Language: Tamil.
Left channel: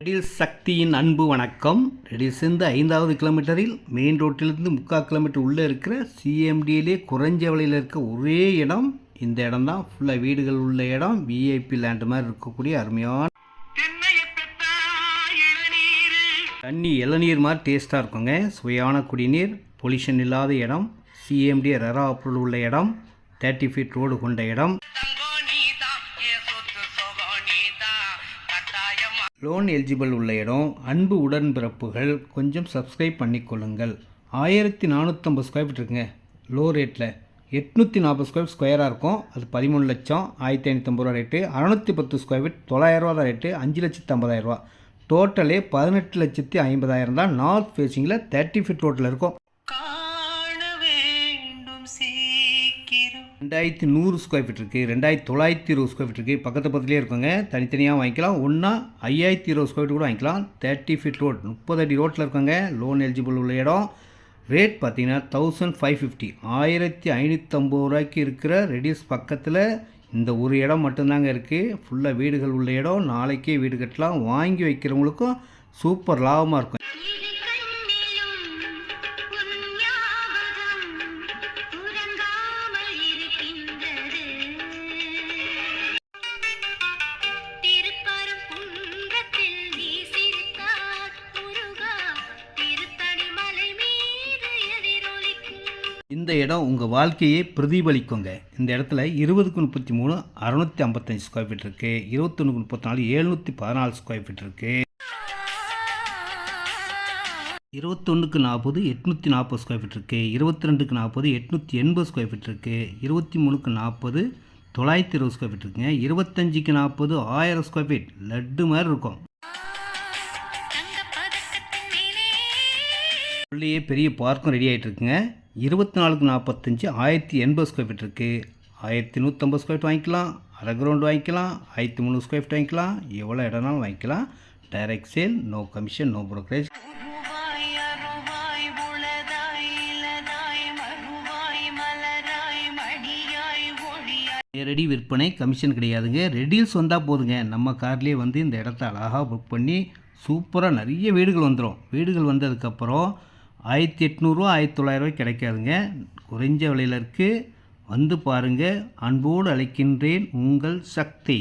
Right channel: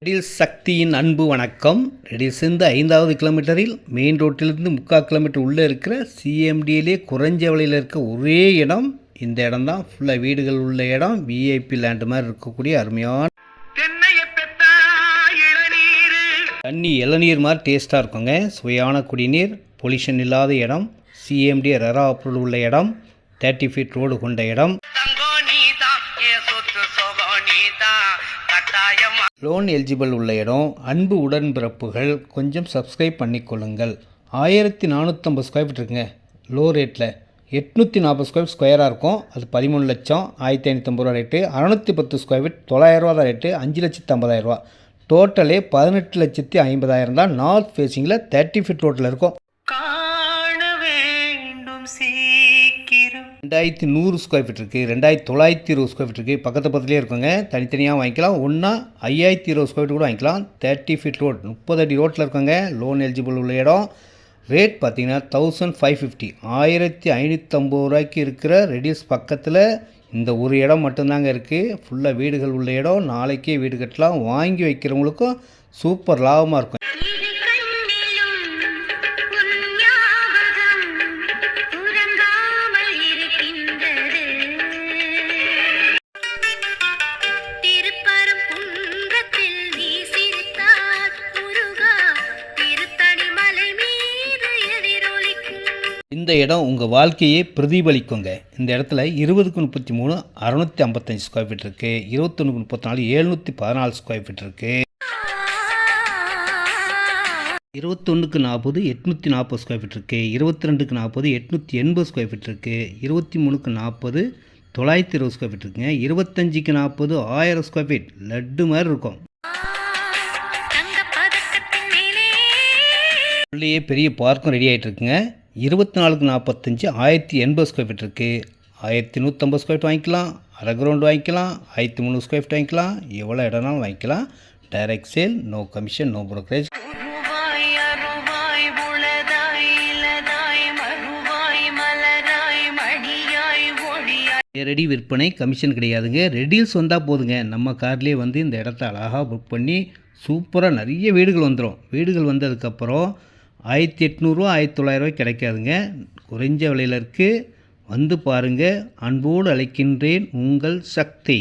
ரெடில்ஸ் சக்தியின் அன்பு வணக்கம். ரெடில்ஸ்லேருந்து 5வது கிலோமீட்டரில் மெயின் ரோட்டிலிருந்து 3/4 கிலோமீட்டர் உள்ளே இருக்கிற சிஎம்டியிலே குறைஞ்ச விலையில் இருக்க ஒரே இடம் இந்த இடம் தான். ஃபுல்லாக வீடுகள் உள்ள இடம், விஐபி லேண்டு மாதிரி இருக்கக்கூடிய அருமையான தண்ணி இளநீர் மாதிரி டேஸ்ட்டாக இருக்குங்க. சுவையான குடிநீர், பொல்யூஷன் இல்லாத இடம், சிஎம்டி ரெரா அப்ரூவல் உள்ள இடம், 30 ஃபீட் ரோடு கொண்ட இடம், லோன் எலிஜிபிள் உள்ள இடம். அன்பு உடன்பிறப்புகள் கொஞ்சம் சப்ஸ்கிரைப் பண்ணிக்கொள்ளுங்கள். 1450 ஸ்கொயர் ஃபீட் இருக்குங்க. லோ ரேட்டில் 840 ஸ்கொயராக இருக்கும். அது 13 லட்சம் 1550 ரூபா ரேட்டு. 610 ஸ்கொயர் ஃபீட் 900 ரூபா தான் ரேட்டு. 5,50,000 ரூபா. டோட்டலே 18,50,000 தான். நார்த் ஃபேஸிங்கில் 30 ஃபீட் ரோட்டில் இருக்கும். 2100 ஸ்கொயர் ஃபீட் இருக்குது. 2920 ஸ்கொயர் ஃபீட் இருக்குது. பக்கத்துலேயே இருக்குங்க. தனித்தனியாக வாங்கிக்கலாம். ஒன்றா 5020 ஸ்கொயர் ஃபீட் கூட வாங்கிக்கலாம். 30 ஃபீட் ரோட் 30 அடி ரோட்டில் இருக்குங்க. லோன் எலிஜிபிள் உள்ள இடம். ரேட் பார்த்தீங்கன்னா 1550 1550 ரூபாய்க்கு இருக்கிற ரெடில்ஸ் பக்கத்தில் இந்த ஒரு இடம் மட்டும்தாங்க இருக்குது. ஃபுல்லாக வீடுகள் உள்ள இடம். நாளைக்கே வீடு கட்டலாம். வாங்கி வைக்கிறவங்களுக்கும் சூப்பர் லாபமாக இருக்கும். இந்த இடம் உங்கள் வாழ்க்கையை பிரதிபலிக்குங்க. இந்த இடத்துல 20/33 655 ஸ்கொயர் ஃபீட் இருக்குது. 21/34 714 ஸ்கொயர் ஃபீட் இருக்குது. 21/40 840 ஸ்கொயர் ஃபீட் இருக்குது. 22/40 880 ஸ்கொயர் ஃபீட் இருக்குது. 23/40 920 ஸ்கொயர் ஃபீட் இருக்குங்க. 25/40 1000 ஸ்கொயர் ஃபீட் லட்டு மாதிரி இருக்கும். உள்ளேயே பெரிய பார்க்கும் ரெடி ஆகிட்டு இருக்குங்க. 24/45 1080 ஸ்கொயர் ஃபீட் இருக்குது. 1150 ஸ்கொயர் ஃபீட் வாங்கிக்கலாம். அரை கிரவுண்ட் வாங்கிக்கலாம். 1300 ஸ்கொயர் ஃபீட் வாங்கிக்கலாம். எவ்வளோ இடம்னாலும் வாங்கிக்கலாம். Direct sale, no commission, no brokerage. நேரடி விற்பனை, கமிஷன் கிடையாதுங்க. ரெடில்ஸ் வந்தால் போதுங்க. நம்ம கார்லேயே வந்து இந்த இடத்த அழகாக புக் பண்ணி சூப்பராக நிறைய வீடுகள் வந்துடும். வீடுகள் வந்ததுக்கப்புறம் 1800 1900 கிடைக்காதுங்க. குறைஞ்ச விலையில் இருக்குது. வந்து பாருங்கள். அன்போடு அழைக்கின்றேன், உங்கள் சக்தி.